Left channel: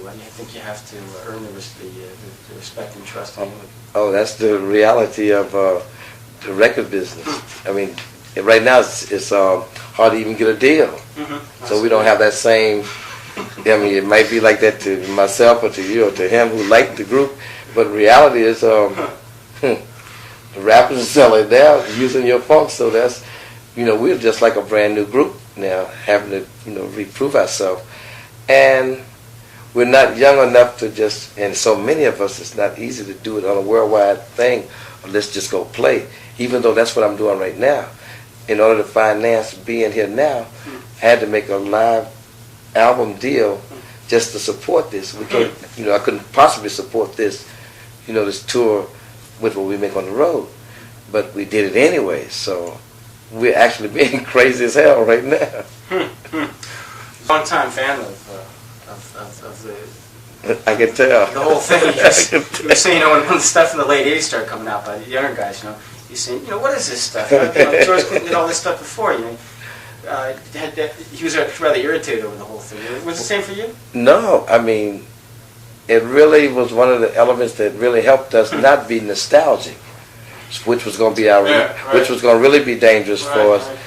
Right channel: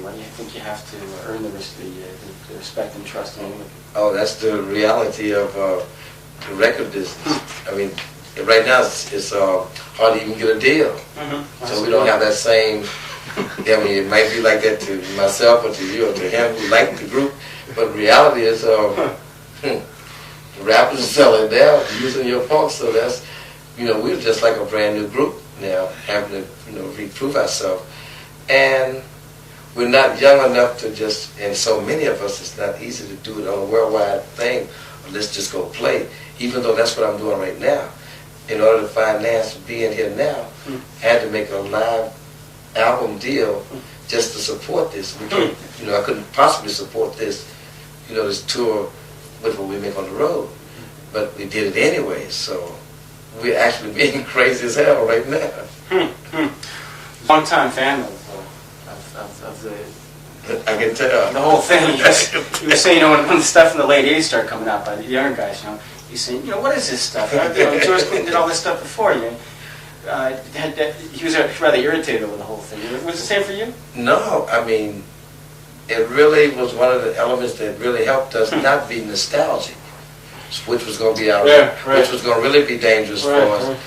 Why do you think you have to earn the respect and trust of anyone? Oh, that's the reality of the record business. I mean, right now it's hard to even get a deal. Mm-hmm. So we don't have that same, I mean, it might be like that to myself or to you or to him who liked the group, but the reality is the rappers are selling now using your funk, so that's, we're just like a brand new group now, having to, reprove ourselves. And we're not young enough to just, and so many of us, it's not easy to do it on a worldwide thing. Let's just go play, even though that's what I'm doing right now. In order to finance being here now, I had to make a live album deal just to support this. I couldn't possibly support this, this tour with what we make on the road. But we did it anyway, so we're actually being crazy as hell right now. Long-time fan of the... I can tell. The whole thing. You were saying, when the stuff in the late 80s started coming out by the younger guys, you're saying, what is this stuff? George Clinton did all this stuff before you. He was rather irritated over the whole thing. Was it the same for you? No, I mean, it really was one of the elements that really helped us not be nostalgic, which was going to be which was going to really be dangerous for us. Right.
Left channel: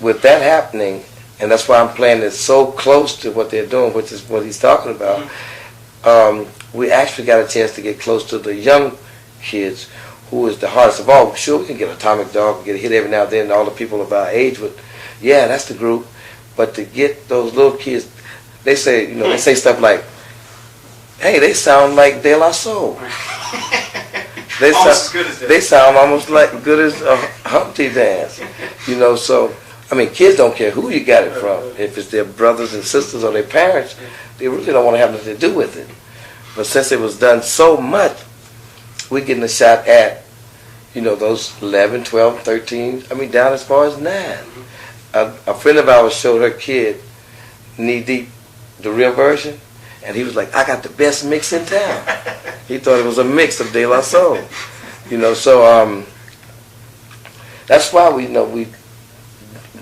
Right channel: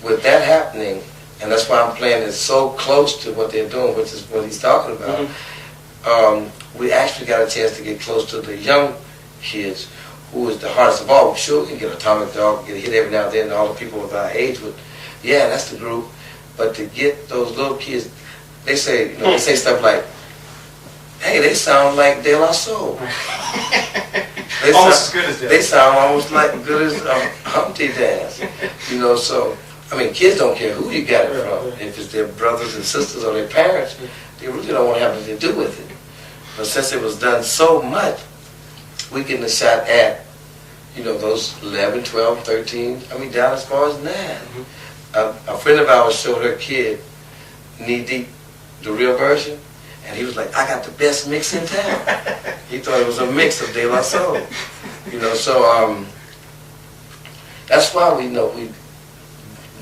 With that happening, and that's why I'm playing it so close to what they're doing, which is what he's talking about. We actually got a chance to get close to the young kids, who is the hardest of all. Sure, we can get Atomic Dog, get a hit every now and then, and all the people of our age would, yeah, that's the group. But to get those little kids, they say, they say stuff like, hey, they sound like De La Soul. Almost as good as that. They sound almost like good as Humpty Dance. So, I mean, kids don't care who you got it from. If it's their brothers and sisters or their parents, they really don't want to have anything to do with it. But since it was done so much, we're getting a shot at, those 11, 12, 13, down as far as 9. A friend of ours showed her kid Knee Deep, the real version, and he was like, I got the best mix in town. He thought it was a mix of De La Soul. So that's why we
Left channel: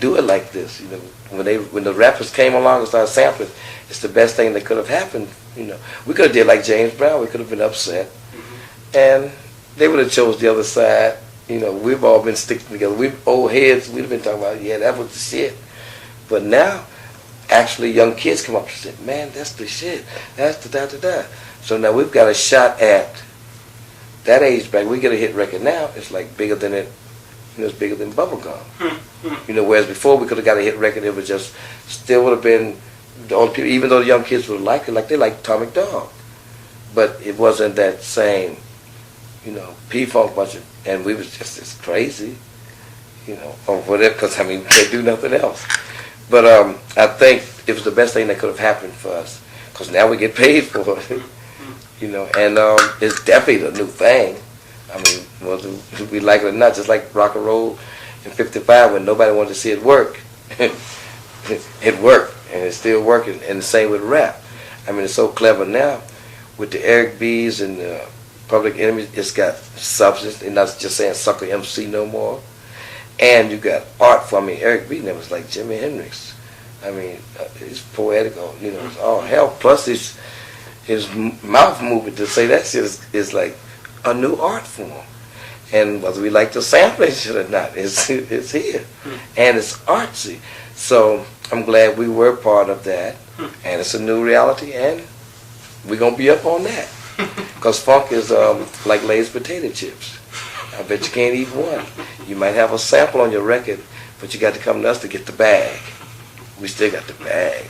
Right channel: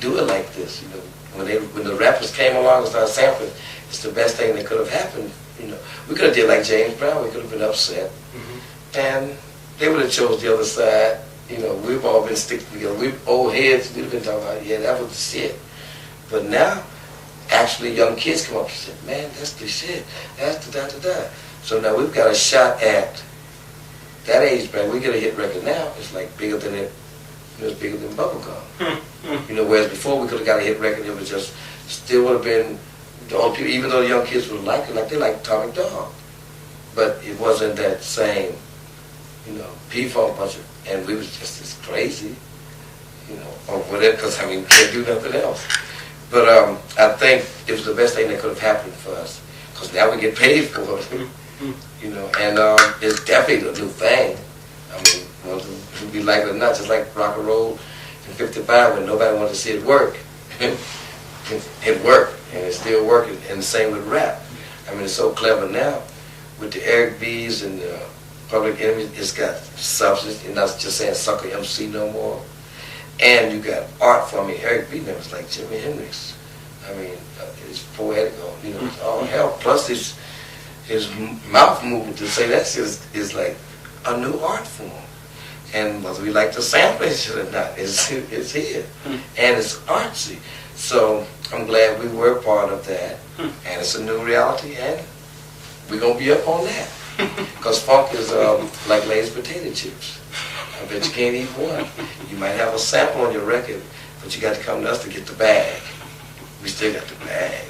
do it like this. When the rappers came along and started sampling, it's the best thing that could have happened. We could have did like James Brown. We could have been upset, and they would have chose the other side. We've all been sticking together. We've old heads. We've been talking about, yeah, that was the shit. But now, actually, young kids come up and say, man, that's the shit. That's the da-da-da. So now we've got a shot at that age bracket. We get a hit record now. It's like bigger than it. It's bigger than bubblegum. Whereas before we could have got a hit record, it was just still would have been the only people. Even though the young kids would like it, like they like Atomic Dog, but it wasn't that same, P-Funk bunch of. And we was just as crazy, or whatever, because, we couldn't do nothing else. But I think it was the best thing that could have happened for us, because now we get paid for it, and it's definitely a new thing. To be like it or not, just like rock and roll in 55 when nobody wanted to see it work. It worked, and it's still working, and the same with rap. It's so clever now with the Eric B's and the Public Enemy. It's got substance. They're not just saying sucker MC no more. And you got art from me. Eric B. was like Jimi Hendrix. It's poetical. All hell. Plus his mouth movement to say that shit is like a new art form. And whether we like the sampling shit or not, it's here. And it's artsy. So I'm glad we were part of that. And it's a new reality, and we're going to be up on that. Because funk is like Lay's potato chips. I bet you can't eat one. You might have a sample on your record, but you got to come to us to get the bag. We still got the bag,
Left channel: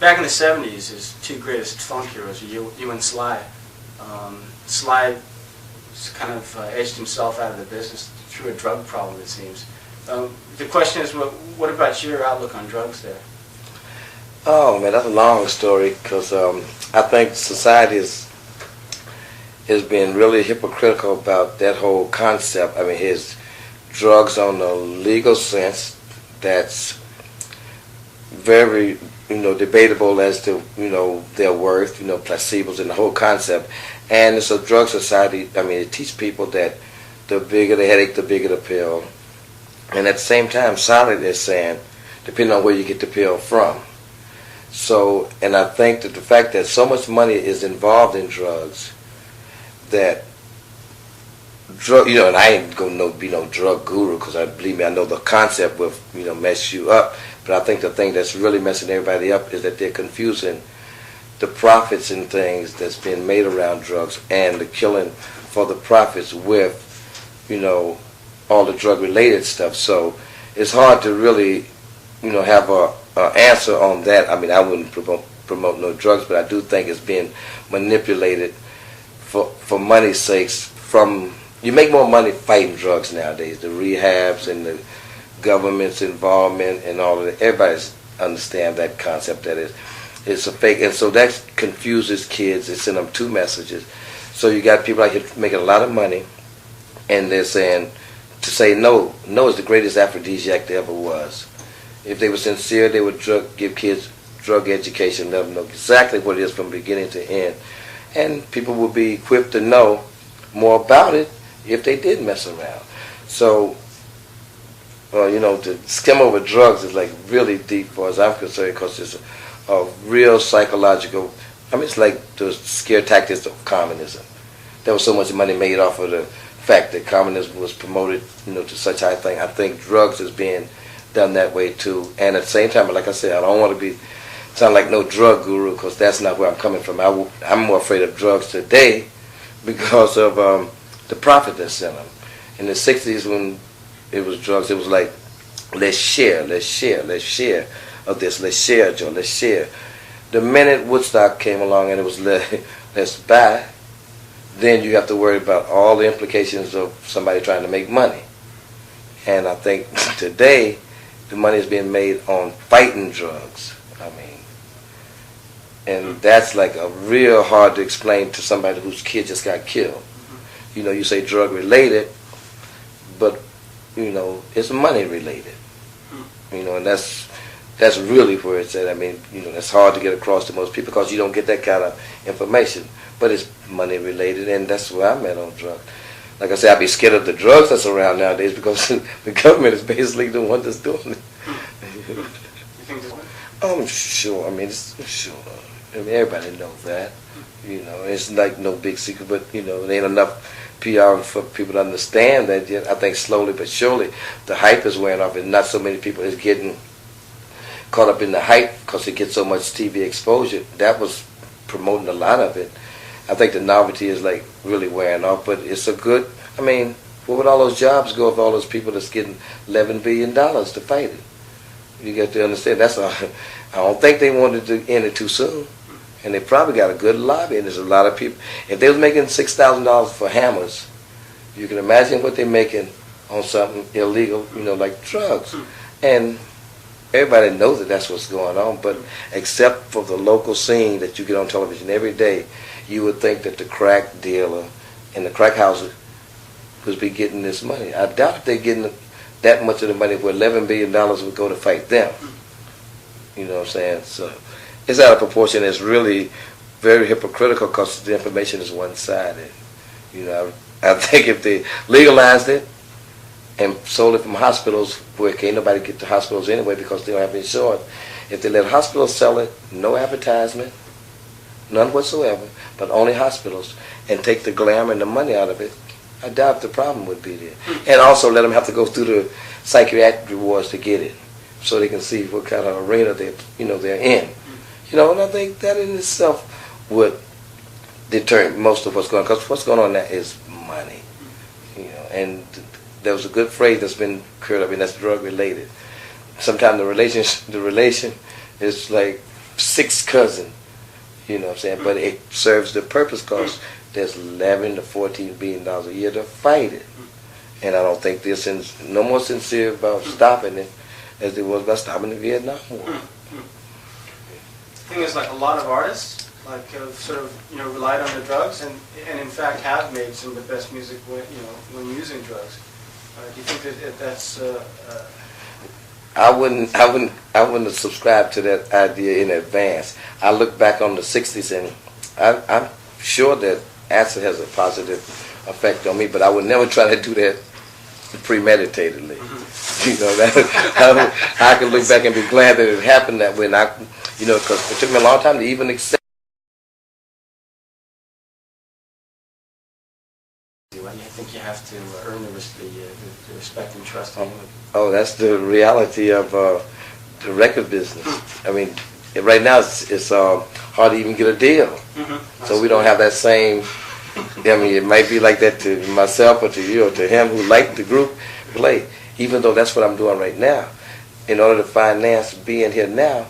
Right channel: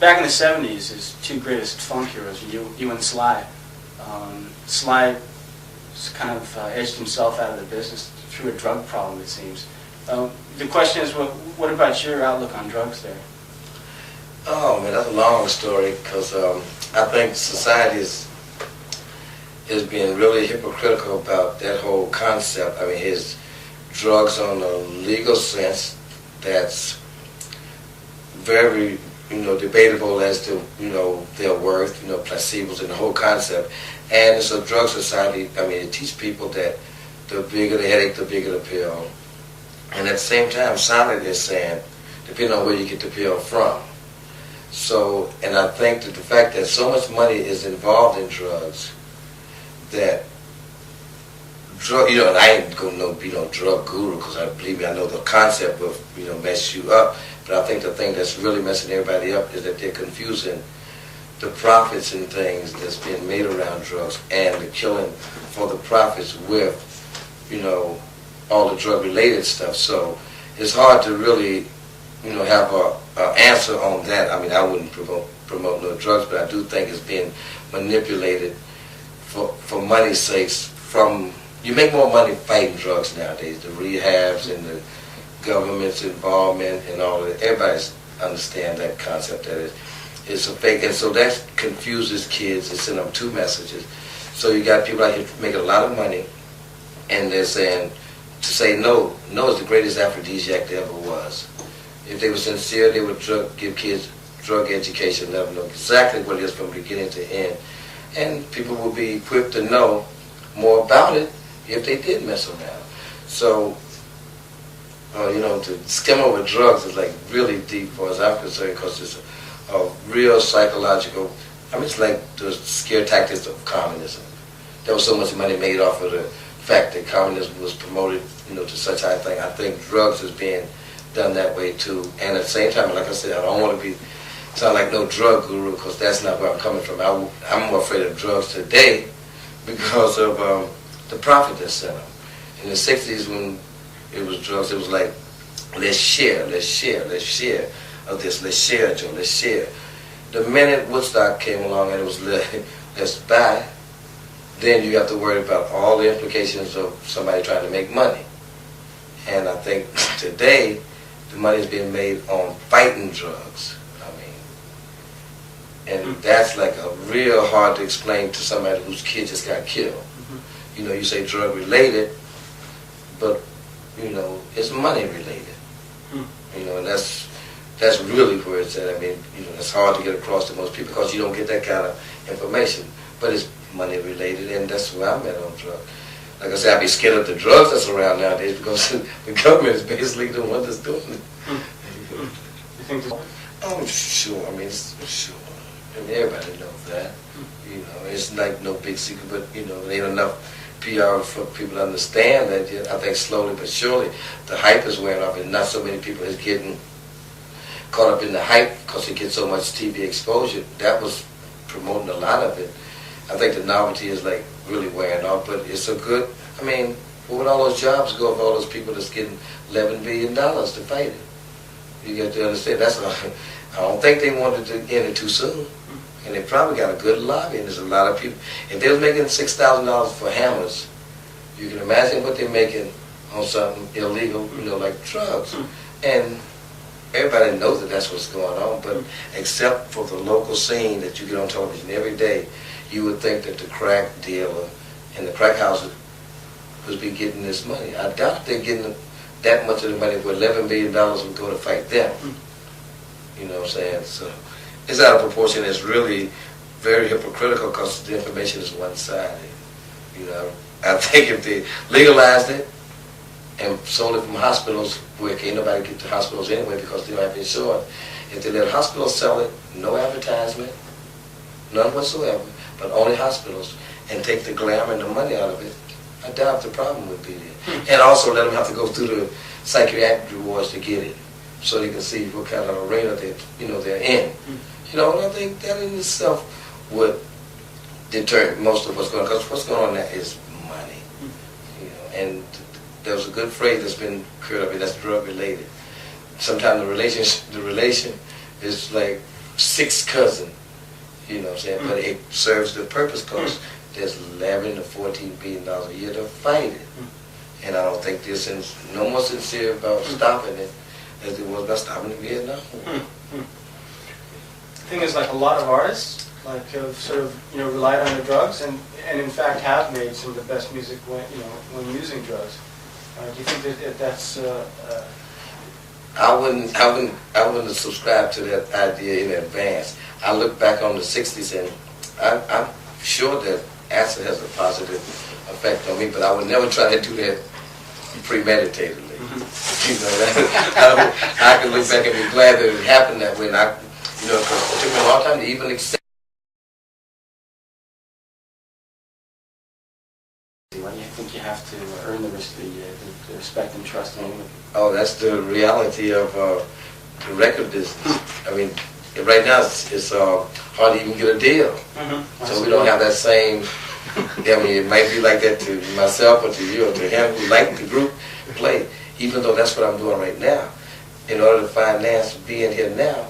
Back in the 70s, his two greatest funk heroes were you and Sly. Sly kind of edged himself out of the business through a drug problem, it seems. The question is, what about your outlook on drugs there? Oh, man, that's a long story, because I think society has been really hypocritical about that whole concept. His drugs on the legal sense, that's very, debatable as to, their worth, placebos and the whole concept. And it's a drug society. It teaches people that the bigger the headache, the bigger the pill. And at the same time, silently they're saying, depending on where you get the pill from. So, and I think that the fact that so much money is involved in drugs, that drug, you know, and I ain't gonna be no drug guru because believe me, I know the concept will, you know, mess you up. But I think the thing that's really messing everybody up is that they're confusing the profits and things that's being made around drugs and the killing for the profits with, you know, all the drug-related stuff. So it's hard to really, you know, have a answer on that. I mean, I wouldn't promote no drugs, but I do think it's being manipulated for money's sakes. You make more money fighting drugs nowadays, the rehabs and the government's involvement and all of that. Everybody understands that concept that it's a fake, and so that confuses kids. It sends them two messages. So you got people out here making a lot of money, and they're saying to say no is the greatest aphrodisiac there ever was. If they were sincere, they would give kids drug education, let them know exactly what it is from beginning to end, and people would be equipped to know more about it if they did mess around. So, well, you know, to skim over drugs is like really deep, as far as I'm concerned, because it's a real psychological. I mean, it's like the scare tactics of communism. There was so much money made off of the fact that communism was promoted, you know, to such high thing. I think drugs is being done that way too. And at the same time, like I said, I don't want to sound like no drug guru, because that's not where I'm coming from. I'm more afraid of drugs today because of the profit that's in them. In the 60s, when it was drugs, it was like, let's share of this, let's share, Joe, let's share. The minute Woodstock came along and it was let's buy, then you have to worry about all the implications of somebody trying to make money. And I think today, the money is being made on fighting drugs. I mean, and that's like a real hard to explain to somebody whose kid just got killed. Mm-hmm. You know, you say drug related, but you know, it's money related. Mm-hmm. You know, and that's really where it's at. I mean, you know, that's hard to get across to most people because you don't get that kind of information. But it's money related, and that's where I'm at on drugs. Like I said, I'd be scared of the drugs that's around nowadays because the government is basically the one that's doing it. You think this? Oh, sure. I mean, it's sure. I mean, everybody knows that. You know, it's like no big secret, but you know, there ain't enough PR for people to understand that yet. I think slowly but surely the hype is wearing off, and not so many people is getting caught up in the hype because it gets so much TV exposure. That was promoting a lot of it. I think the novelty is like really wearing off, but it's a good. I mean, where would all those jobs go of all those people that's getting $11 billion to fight it? You got to understand. That's why I don't think they wanted to end it too soon, and they probably got a good lobby. And there's a lot of people. If they was making $6,000 for hammers, you can imagine what they're making on something illegal, you know, like drugs. And everybody knows that that's what's going on, but except for the local scene that you get on television every day, you would think that the crack dealer and the crack house would be getting this money. I doubt they're getting that much of the money where $11 billion would go to fight them. You know what I'm saying? So it's out of proportion. It's really very hypocritical because the information is one-sided. You know, I think if they legalized it and sold it from hospitals where can't nobody get to hospitals anyway because they don't have insurance, if they let hospitals sell it, no advertisement, none whatsoever, but only hospitals, and take the glamour and the money out of it, I doubt the problem would be there. And also let them have to go through the psychiatric rewards to get it, so they can see what kind of arena they're in. You know, and I think that in itself would deter most of what's going on, because what's going on now is money. You know, and there was a good phrase that's been created, I mean, that's drug related. Sometimes the relation is like sixth cousin. You know what I'm saying? But it serves the purpose because there's $11 to $14 billion a year to fight it. And I don't think they're no more sincere about stopping it as they was about stopping the Vietnam War. The thing is, like a lot of artists, like have sort of relied on their drugs, and in fact have made some of the best music when using drugs. Do you think that that's? I wouldn't have subscribed to that idea in advance. I look back on the 60s and I'm sure that acid has a positive effect on me, but I would never try to do that premeditatedly. You know, I can look back and be glad that it happened that way. You know, because it took me a long time to even accept. Why do you think you have to earn the respect and trust of anyone? Oh, that's the reality of the record business. I mean, right now it's hard to even get a deal. Mm-hmm. So we don't have that same. I mean, it might be like that to myself or to you or to him who liked the group play. Even though that's what I'm doing right now. In order to finance being here now,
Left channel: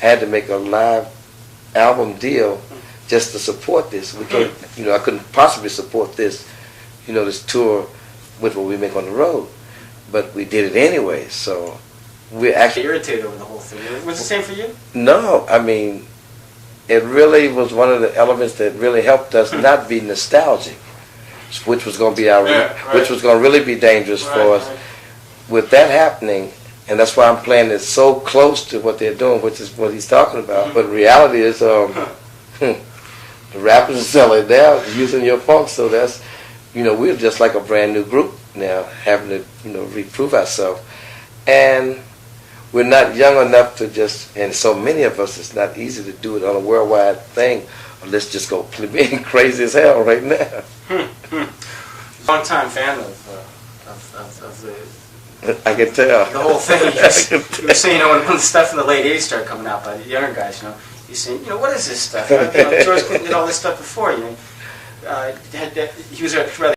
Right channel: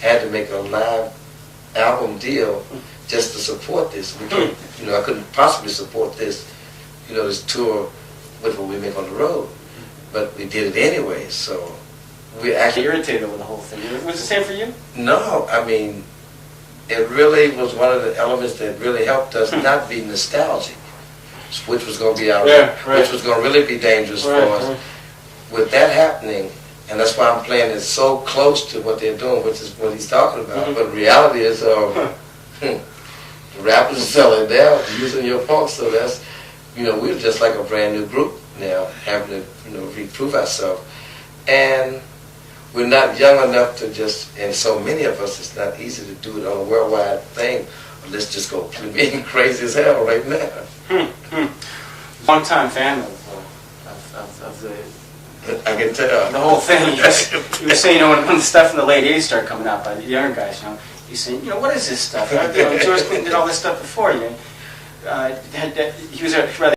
I had to make a live album deal just to support this. Because, you know, I couldn't possibly support this, you know, this tour with what we make on the road. But we did it anyway, so we're actually irritated over the whole thing. Was it the same for you? No, I mean, it really was one of the elements that really helped us not be nostalgic, which was going to be which was going to really be dangerous for us. Right. With that happening, and that's why I'm playing it so close to what they're doing, which is what he's talking about. But the reality is, the rappers are selling down, using your punk, so that's, you know, we're just like a brand new group now, having to, you know, reprove ourselves. And we're not young enough to just, and so many of us, it's not easy to do it on a worldwide thing. Let's just go being crazy as hell right now. Long-time fan of the... I can tell. The whole thing. You were saying, you know, when the stuff in the late 80s started coming out by the younger guys, you know, you're saying, you know, what is this stuff? You know, George Clinton did all this stuff before you. He was a rather